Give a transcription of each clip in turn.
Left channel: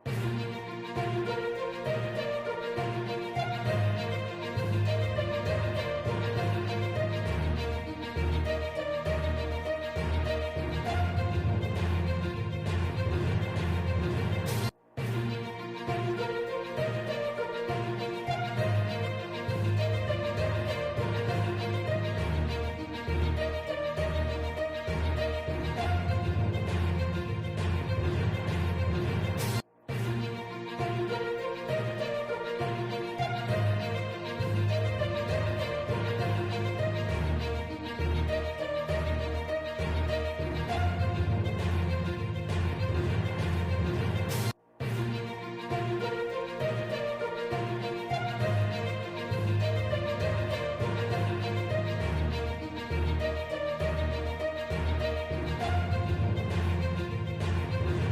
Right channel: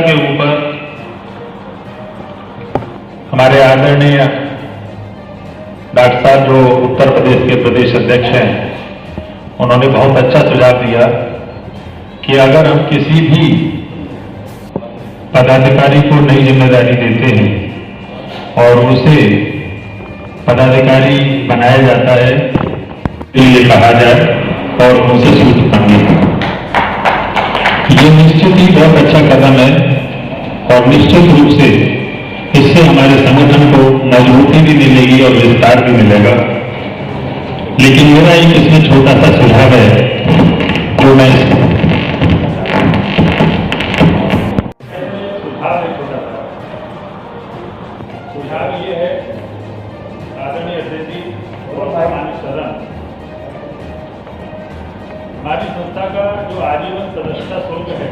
के ऊपर हमारे आदरणीय डॉक्टर साहब जो उत्तर प्रदेश के प्रदेश अध्यक्ष हैं, उन्होंने बहुत अच्छा सुझाव दिया कि अगर हम किसी भी पदाधिकारी को नई जिम्मेदारी देते हैं और उसे पदाधिकारी बनाया जाता है, ये कहा जाए और उनसे सूचित मांगे। ये निश्चित ही बहुत अच्छा कदम है और निश्चित रूप से इससे हमारे संगठन को मजबूती भी मिलेगी और विस्तार भी मिलेगा। लेकिन मेरा एक इसमें छोटा सा सुझाव है जो मैं सुझाव ये है, आदरणीय अध्यक्ष जी और माननीय सदन, हमारी संस्था का जो आजीवन सदस्यता शुल्क है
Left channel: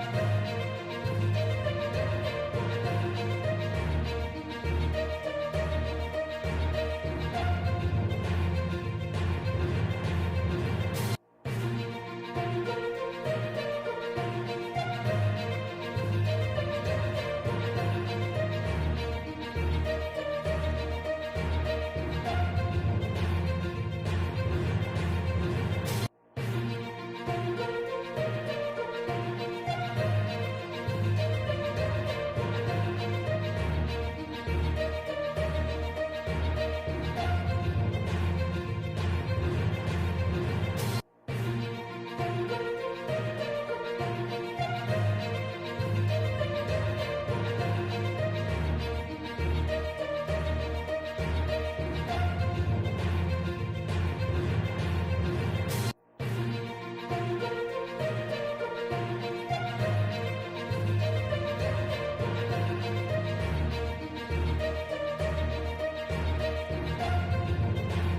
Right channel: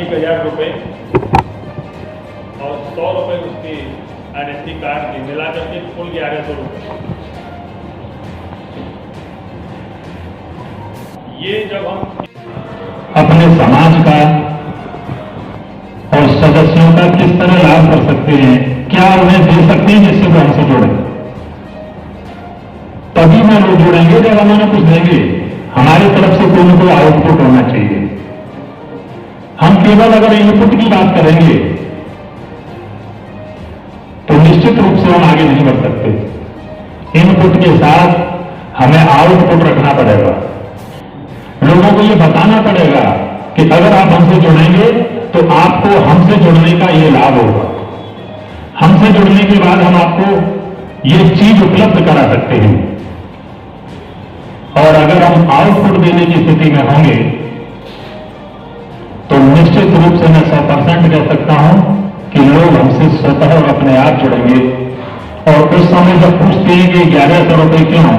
1000 रुपये और 100 रुपये उसके आइडेंटिटी कार्ड के मिलाकर के कुल 1100 रुपये। ये जब हम अपने समाज का और सदस्यों का किस तरह लाभ कर सकते हैं, क्या उन्हें दे सकते हैं जिससे वो हमसे जुड़े, तभी में लोग जुड़ेंगे जब हम उन्हें कुछ देंगे। हमारी तरफ से कोई न कोई आउटपुट होना चाहिए। हम केवल अगर इनपुट की बात करेंगे तो निश्चित रूप से हम आगे नहीं बढ़ सकते। इनपुट के साथ हमें आउटपुट रखना पड़ेगा। लोगों को ये बताना पड़ेगा कि अगर आप हमसे जुड़ेंगे तो आपको हमसे जुड़ने का ये लाभ होगा। हमसे जुड़ने के बाद हम आपको ये चीज उपलब्ध करा सकते हैं। और अगर हम आउटपुट देने की स्थिति में होंगे तो निश्चित रूप से मैं 100% कह सकता हूं कि लोग हमसे स्वतः और अपने आप जुड़ेंगे। और उस समय जब पूछते हैं कि 1100 रुपये क्यों,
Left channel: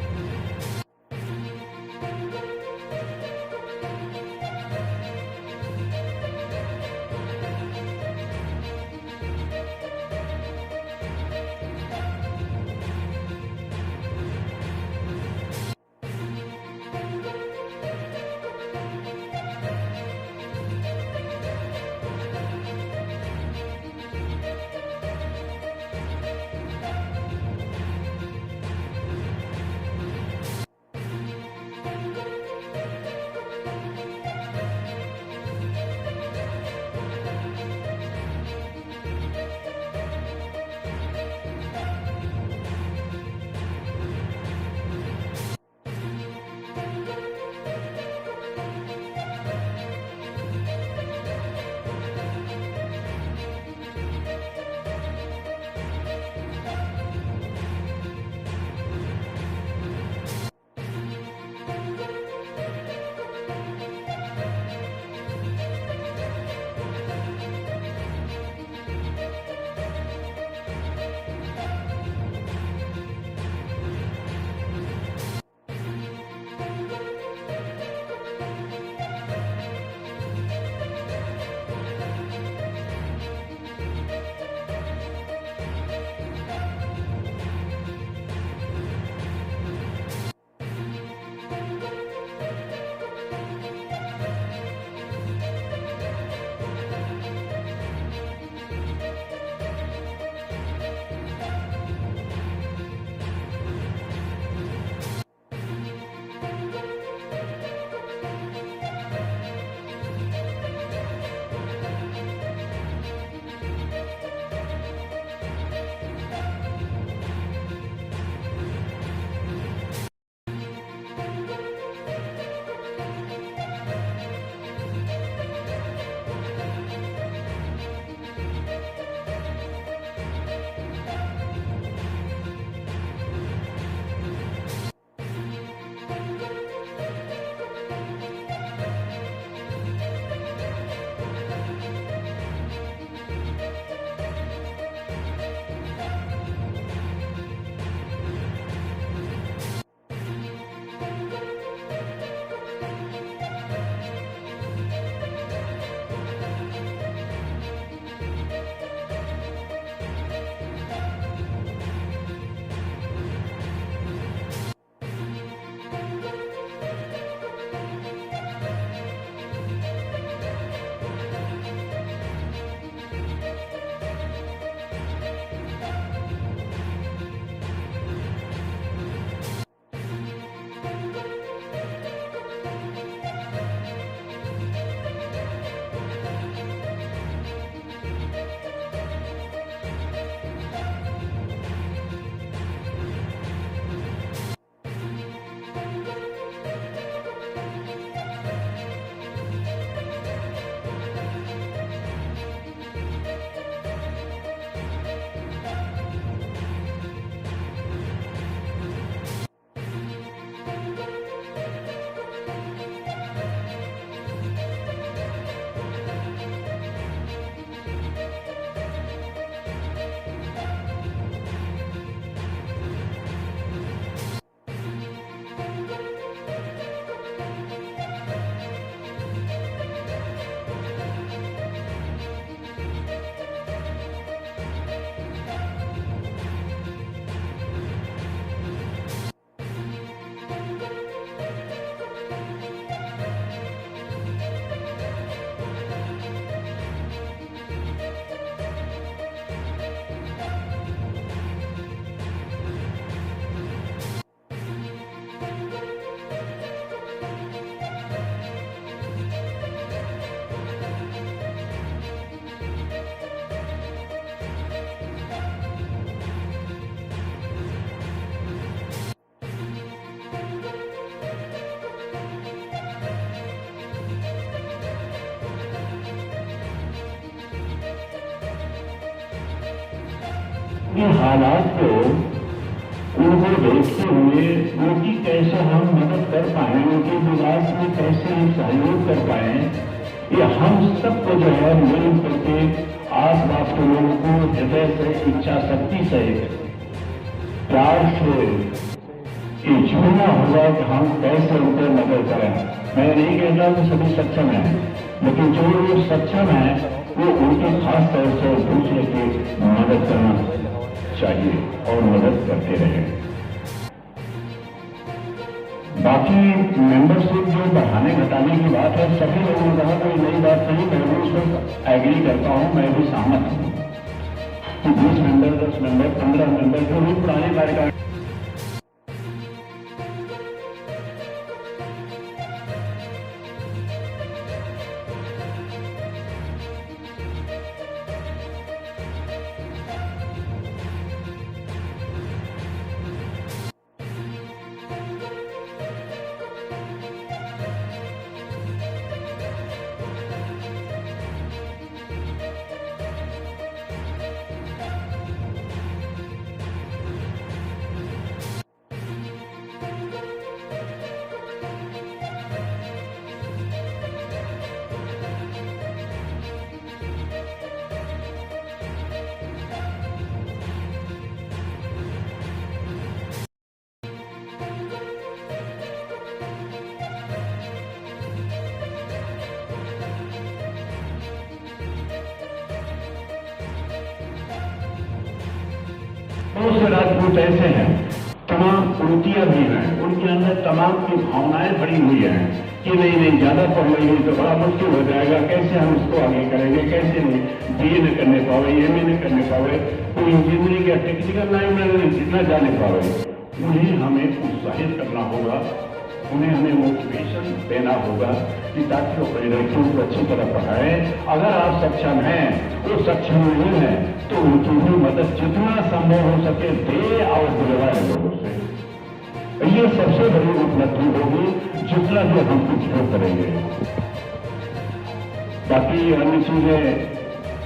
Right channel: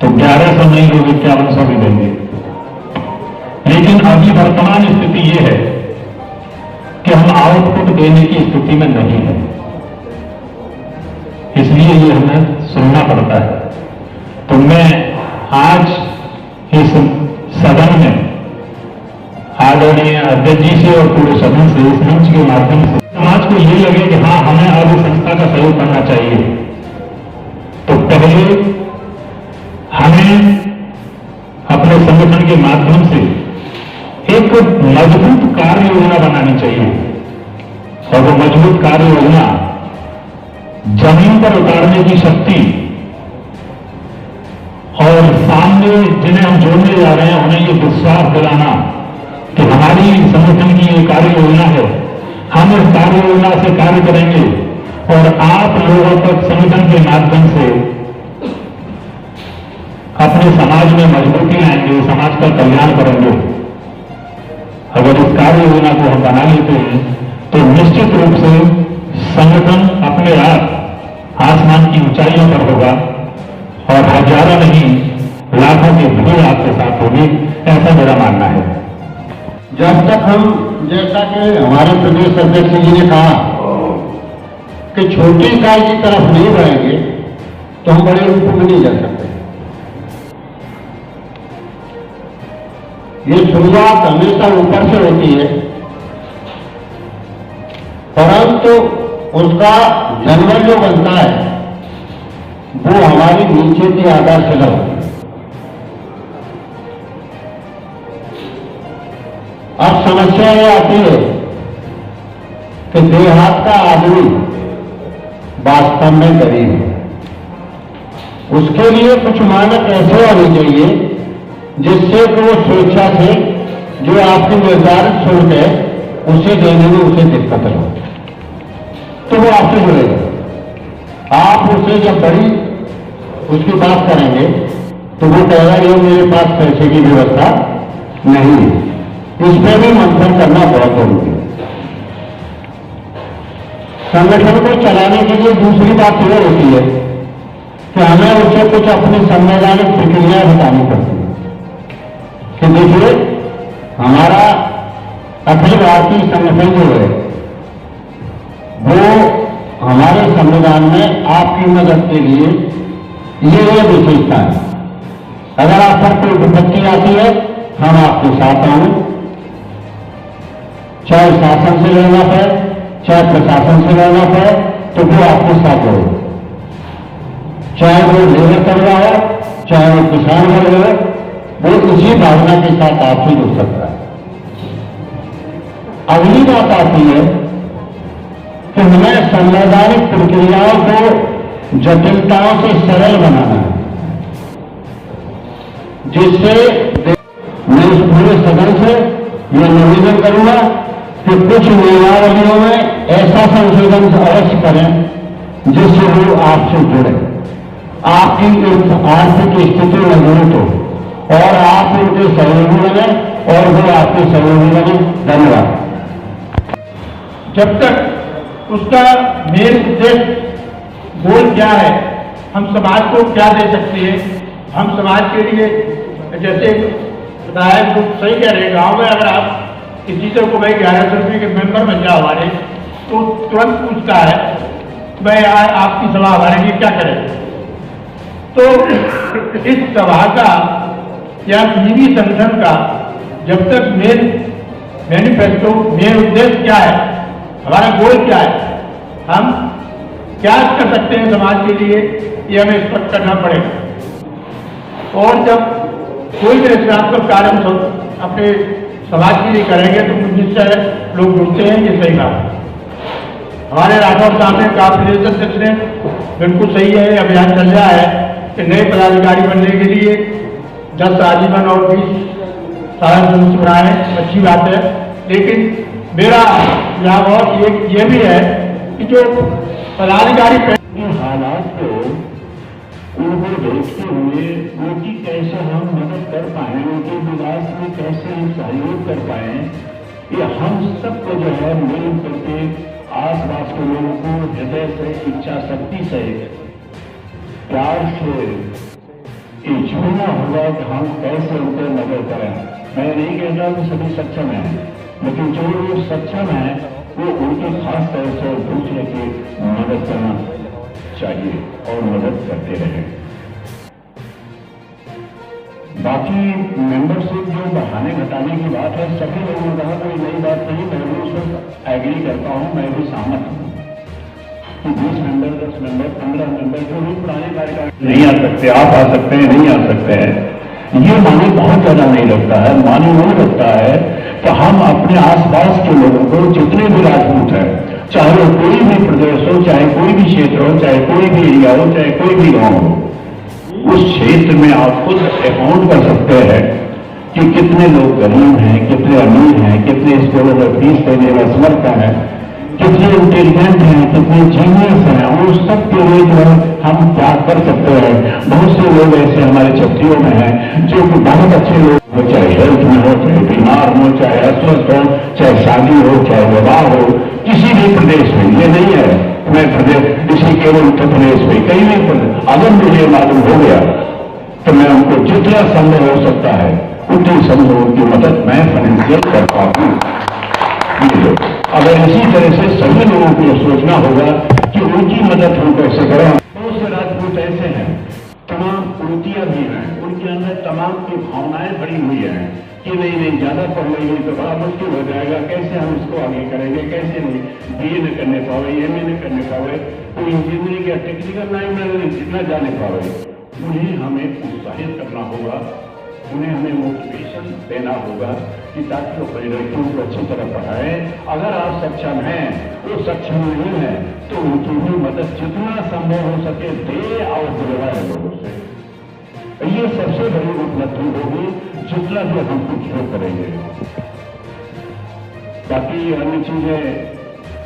तो 1100 नहीं, लोग 5100 भी देंगे। लेकिन अभी वर्तमान स्थिति ये है कि हम आउटपुट देने की स्थिति में नहीं है, इसलिए ये हमें सुनना पड़ता है। तो मैं आज इस सदन में आदरणीय अध्यक्ष जी से और पूरे सदन से, इस मंच के माध्यम से समाज को ये लगे कि हाँ, हमें अब इस संस्था का सहयोग करना चाहिए, तो पहले हमें अपने संगठन के माध्यम से एक मजबूत कार्य योजना बनानी चाहिए। और वो मजबूत कार्य योजना जमीन पर उतारने की शक्ति और सामने जिन्हें हम जोड़ने जा रहे हैं उन्हें ये विश्वास दिलाना कि हमारी संगठन की ये कार्य योजना है, हम इस कार्य योजना से कार्य करेंगे और आप लोगों तक संगठन के माध्यम से अपने समाज में मजबूती लाएंगे, समाज का कल्याण करेंगे। अगर इस कार्य योजना को हम बना लेते हैं तो निश्चित रूप से संगठन अपने आप आसमान की ऊंचाइयों पर होगा और हजारों नहीं लाखों की भीड़ आपके साथ होगी, ऐसा मेरा मानना है। जब तक हम, जैसा कि हमारे प्रदेश अध्यक्ष जी ने कहा कि छोटी इकाई की तरफ नहीं बढ़ेंगे तो हम बड़े रूप में नहीं जा सकते। ये शुरुआत हमेशा ऊपर से होती है, परंतु उसका जन्म जो बनता है वो हमारी नीचे की आधारशिला होती है। अब समस्या ये आती है कि देहात का आदमी वास्तव में गरीब है। उसके लिए कुछ मानक ऐसे होने चाहिए जिससे कि वो स्वेच्छा से जो आपकी निर्धारित शुल्क है उसे देने में उसे दिक्कत हो, तो वो आपसे जुड़ेगा। आप उसे जब बड़ी उसकी बात करेंगे तो वो कहेगा ये मेरे पास पैसे की व्यवस्था नहीं है। इस पर भी मंथन करना बहुत जरूरी है। संगठन को चलाने के लिए दूसरी बात यह होती है कि हमें उसे कुछ अपनी संवैधानिक प्रक्रिया बतानी पड़ती है कि देखिए, हमारा अखिल भारतीय संगठन जो है वो हमारे संविधान में आपकी मदद के लिए ये विशेषता है अगर आप पर कोई विपत्ति आती है, हम आपके साथ आए, चाहे शासन से लड़ना पड़े, चाहे प्रशासन से लड़ना पड़े, तो वो आपके साथ हो, चाहे वो लेबर कर रहा हो, चाहे वो किसान कर रहा हो, वो इसी भावना के साथ आपसे जुड़ सकता है। अगली बात आती है कि हमें संवैधानिक प्रक्रियाओं को जटिलताओं से सरल बनाना है, जिससे मैं इस पूरे सदन से यह निवेदन करूंगा कि कुछ नियमावलियों में ऐसा संशोधन अवश्य करें जिससे वो आपसे जुड़े, आपकी आर्थिक स्थिति मजबूत हो और आप उनके सहयोगी बने और वो आपके सहयोगी बने। धन्यवाद। जब तक उसका मेन उद्देश्य गोल क्या है, हम समाज को क्या दे सकते हैं, हम समाज के लिए जैसे विधायक लोग सही कह रहे हैं, गाँव में अगर आप किसी से को भाई 1100 रुपये के मेंबर बन जाओ हमारे, तो तुरंत पूछता है भाई आपकी सभा हमारे लिए क्या करें। तो इस सभा का या किसी भी संगठन का जब तक मेन मैनिफेस्टो, मेन उद्देश्य क्या है, हमारा गोल क्या है, हम क्या कर सकते हैं समाज के लिए, ये हमें स्पष्ट करना पड़ेगा। और जब कोई भी रचनात्मक कार्य हम अपने समाज के लिए करेंगे तो निश्चय लोग जुड़ते हैं, ये सही बात है। हमारे राठौर साहब ने कहा, प्रदेश अध्यक्ष ने, बिल्कुल सही है, अभियान चल रहा है कि नए पदाधिकारी बनने के लिए 10 आजीवन और 20 साधारण बनाए, अच्छी बात है। लेकिन मेरा यहाँ बहुत ये भी है कि जो पदाधिकारी हालात को उनको देखते हुए उनकी कैसे हम मदद कर पाए, उनके विकास में कैसे हम सहयोग कर पाए, ये हम सबको जो है मिल करके आस पास के लोगों को हृदय से, इच्छा शक्ति से, प्यार से ये चुनना होगा कि हम कैसे उनको मदद करें। मैं नहीं कहता कि सभी सक्षम हैं, लेकिन जो लोग सक्षम हैं वो उनकी खास तौर से दूसरे की मदद करना चाहिए और मदद करते रहे। बाकी मेंबरशिप जो बढ़ाने घटाने की बात है, सभी लोगों ने कहा कोई नई बात नहीं, मैं भी उस पर एग्री करता हूं, मैं भी सहमत हूं कि 20 मेंबर, 10 मेंबर, 15 मेंबर जो भी पुराने कार्यकाल नहीं आ सकते, आप आ सकते हैं, नहीं आ सकते हैं, ये माने बहुत ज्यादा नहीं लगता है। माने वो लगता है कि हम अपने आसपास के लोगों को, जितने भी राजपूत हैं, चाहे वो कोई भी प्रदेश हो, चाहे कोई भी क्षेत्र हो, चाहे कोई भी एरिया हो, चाहे कोई भी गांव हो, उस क्षेत्र में आप खुद अकाउंट कर सकते हैं कि कितने लोग गरीब हैं, कितने अमीर हैं, कितने स्कूलों में फीस देने में समर्थ हैं, कितने इंटेलिजेंट हैं, कितने जीनियस हैं, और उस सब के लिए जो हम क्या कर सकते हैं। बहुत से लोग ऐसे हमारे छत्रियों में हैं जो कि बहुत अच्छे लोग हो, चाहे हेल्थ में हो, चाहे बीमार हो, चाहे अस्वस्थ हो, चाहे शादी हो, चाहे विवाह हो, किसी भी प्रदेश में, ये नहीं है मैं प्रदेश इसी केवल उत्तर प्रदेश में, कहीं भी अगर मुझे मालूम हो गया तो मैं उनको जितना संभव हो सकता है उतनी संभव उनकी मदद मैं फाइनेंशियल करता हूँ। अगर इसी तरह से सभी लोगों को सोचना होगा कि उनकी मदद हम कैसे करें। बहुत से राजपूत ऐसे हैं, तमाम कुर्तियां भी हैं, उनके अंदर तमाम की भावनाएं भरी हुई हैं कि नहीं ज्यादा पढ़ लेंगे तो बड़ा मुश्किल हो जाएगा, कैसे हम इसको आगे करेंगे, कैसे नहीं BA न करने पावे, MA न करने पावे, कोई इंजीनियरिंग या टेक्निकल लाइन में न जाने पावे। उन्हें हमें उत्साहित करना होगा, उन्हें हमें मोटिवेशन देना होगा कि ताकि वो अपने लड़कियों को अच्छी तरह पढ़ाएं। अगर आप सक्षम हैं, वो सक्षम नहीं है, तो उनकी भी मदद जितना संभव हो सके दे और दिलवाए लोगों से। ये सबसे बड़ी उपलब्धि होगी जितना भी हम कुछ जो करेंगे। बाकी अन्य चीजें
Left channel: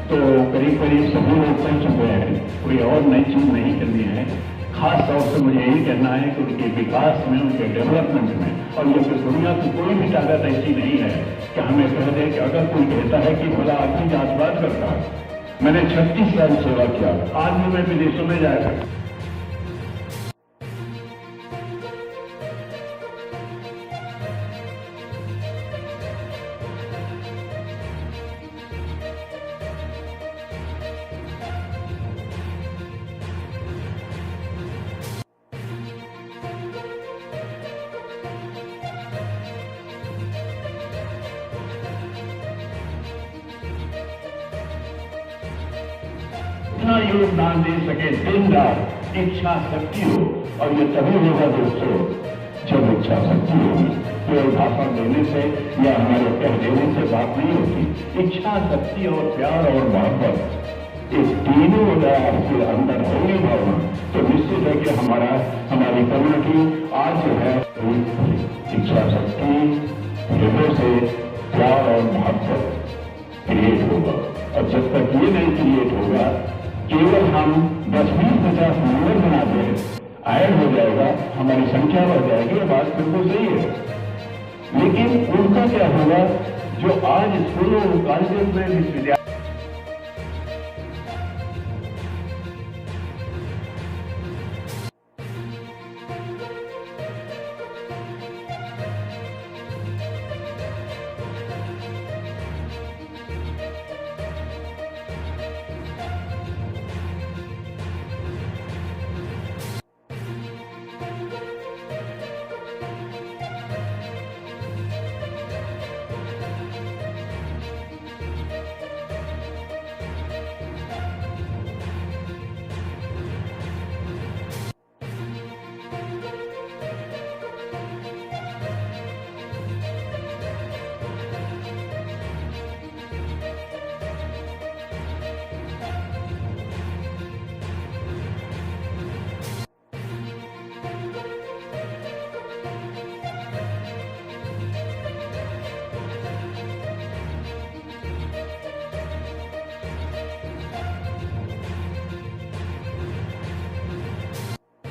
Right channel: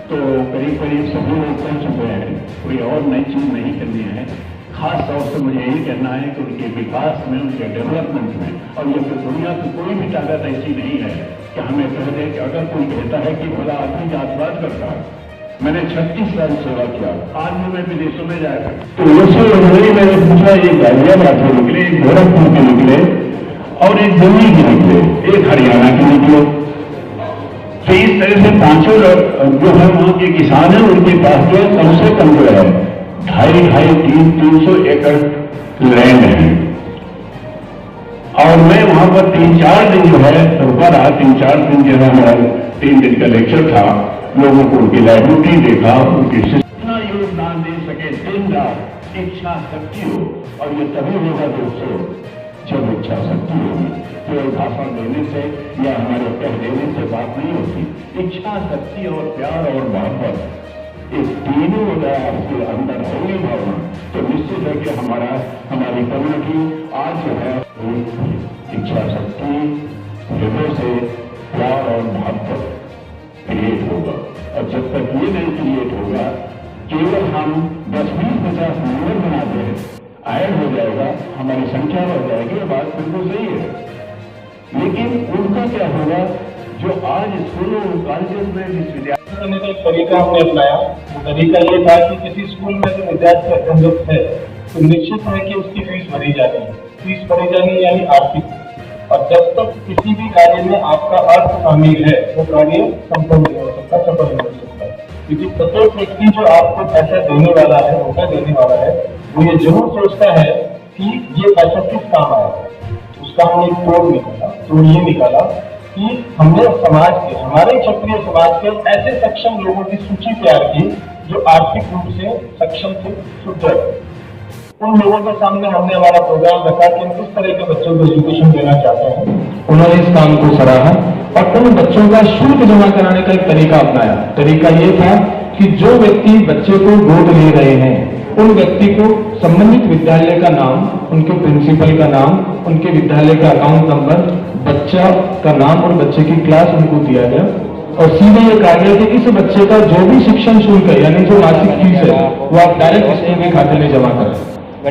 तो करीब करीब सभी लोग कह चुके हैं, कोई और नई चीज नहीं करनी है। खास तौर से मुझे यही कहना है कि उनके विकास में, उनके डेवलपमेंट में, और ये दुनिया की कोई भी ताकत ऐसी नहीं है कि हमें कह दे कि अगर कोई कहता है कि भला आदमी जातवाद करता है। मैंने 36 साल सेवा किया, आज भी मैं विदेशों में जाया तो उसी उन्होंने मैंने पूछा, एक गाजियाबाद के निकले, एक गोरखपुर के निकले और एक दिल्ली के निकले, एक हरियाणा के निकले। तो इस तरह से पांचों जो है वहां के किसान हैं, उनके पास जो कम से कम जो है 250-300 एकड़ लैंड है। और मैं वहां पर 3-4 दिन जो है रुका रहा। 3-4 दिन जो है हमारा 3 दिन का लेक्चर था। लोगों को उनकी लाइब्रेरी देखा, उनकी इतना योगदान दे सके दिन रात, इच्छा शक्ति हो। और ये तभी होगा दोस्तों जब इच्छा शक्ति होगी। केवल भाषण देने से या हमारे कह देने से बात नहीं होती। इच्छा शक्ति और प्यार और मोहब्बत, ये तीनों अगर आपके अंदर होगी भावना, तो निश्चित है कि हमारी कम्युनिटी आज जो है इच्छा शक्ति, हृदय से प्यार और मोहब्बत क्रिएट होगा। और जब तक ये नहीं क्रिएट होगा, केवल हम 10-20-50 नंबर बनाते हैं, ऐड हो जाएगा, हमारी संख्या बढ़ जाएगी। ये बात बिल्कुल सही है। लेकिन उनका क्या होगा जो आज स्कूलों कॉलेज में विश्वविद्यालय करने का एक तरीका हमने अपनाया। तरीका ये था कि किसी स्कूल में जो विद्यार्थी असंगत है तो निश्चित है कि उसकी फीस भरी जानी है। फीस भरी जानी यानी आर्थिक। और जब तक किसी भी कार्य में आपका अर्थ शामिल है वो कार्य संपूर्ण नहीं हो सकता, सफल नहीं हो सकता। क्योंकि प्रत्येक व्यक्ति जो आपको पैसा देने वाला है, मौका देने वाला है, वो ये जरूर सोचता है कि ये पैसा किस काम आएगा। उसका हमने एक तोड़ निकाला। तोड़ ये निकाला कि हमने समाज के, हमारे क्षत्रिय समाज के ऐसे सक्षम लोगों की सूची तैयार की जो आर्थिक रूप से सक्षम थे, सुदृढ़। उन लोगों के सामने हमने हमारा प्रोग्राम रखा कि हम किस तरह के बच्चों को एजुकेशन देना चाहते हैं। उन्होंने इस काम को सराहा और उन बच्चों का शुल्क जमा कराने का एक तरीका अपनाया। तरीका ये था कि जो व्यक्ति बच्चे को गोद ले रहे हैं, उन व्यक्ति को संबंधित विद्यालय का नाम, उनके प्रिंसिपल का नाम, उनके विद्यालय का अकाउंट नंबर, बच्चा का नाम और बच्चे की क्लास उनको दिया गया। और सीधे ये कहा गया कि इस बच्चे का जो भी शिक्षण शुल्क है, यानी जो मासिक फीस है, वो आप डायरेक्ट स्कूल के खाते में जमा करें।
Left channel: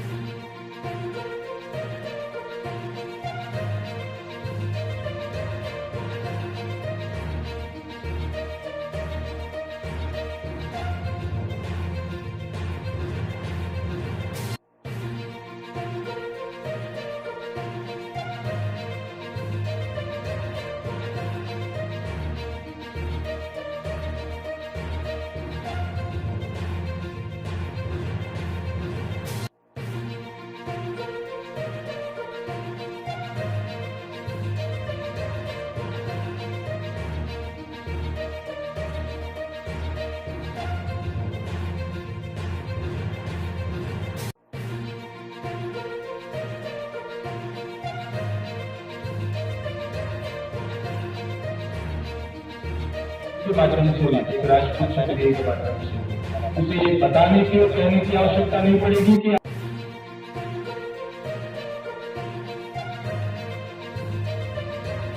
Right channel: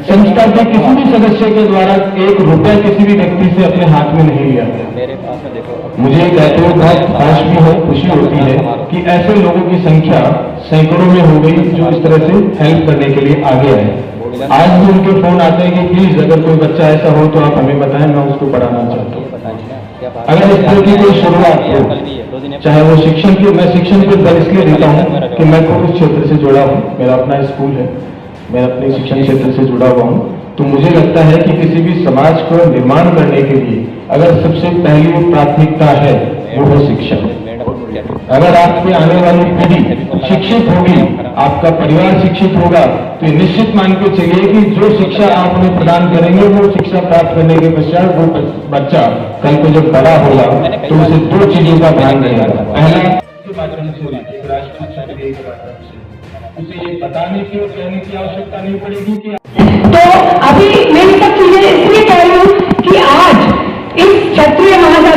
संस्था के किसी भी सदस्य के द्वारा 1 रुपया किसी भी व्यक्ति से अपने हाथ में नहीं लिया गया। मुझे कहते हुए बहुत हर्ष भी है, खुशी होती है कि ऐसे लोगों की संख्या सैकड़ों में हो गई जो इस तरह से हेल्प करने के लिए आगे आए। आज भी उनके फोन आते हैं कि प्लीज अगर कोई बच्चा ऐसा हो तो आप हमें बताएं, मैं उसको पढ़ाना चाहता हूँ। अगर इस तरह की कोई शुरुआत हो, चाहे वो शिक्षण की, मैं शिक्षण को बल इसलिए देता हूँ कि मैं खुद उस क्षेत्र से जुड़ा हूँ, मेरा अपना स्कूल है, मैं अपने शिक्षण क्षेत्र से जुड़ा हुआ हूँ। तो मुझे लगता है कि किसी भी समाज को निर्माण करने के लिए अगर सबसे पहली प्राथमिकता है वो है शिक्षण। अगर आपकी आने वाली पीढ़ी शिक्षित होगी, आपका परिवार शिक्षित होगा, तो ये निश्चित मान के चलिए कि जो शिक्षा आप उन्हें प्रदान करेंगे, वो शिक्षा प्राप्त करने के पश्चात वो बच्चा कल को जब बड़ा होगा तो उसे 2 चीजों का ध्यान रहेगा। पहला के माध्यम से, राष्ट्रीय छात्र के माध्यम से उसे ये बताने की और कहने की आवश्यकता नहीं पड़ेगी कि तो अभी मैं सब चीजें इसलिए कह रही हूँ कि आज इस क्षत्रिय महासभा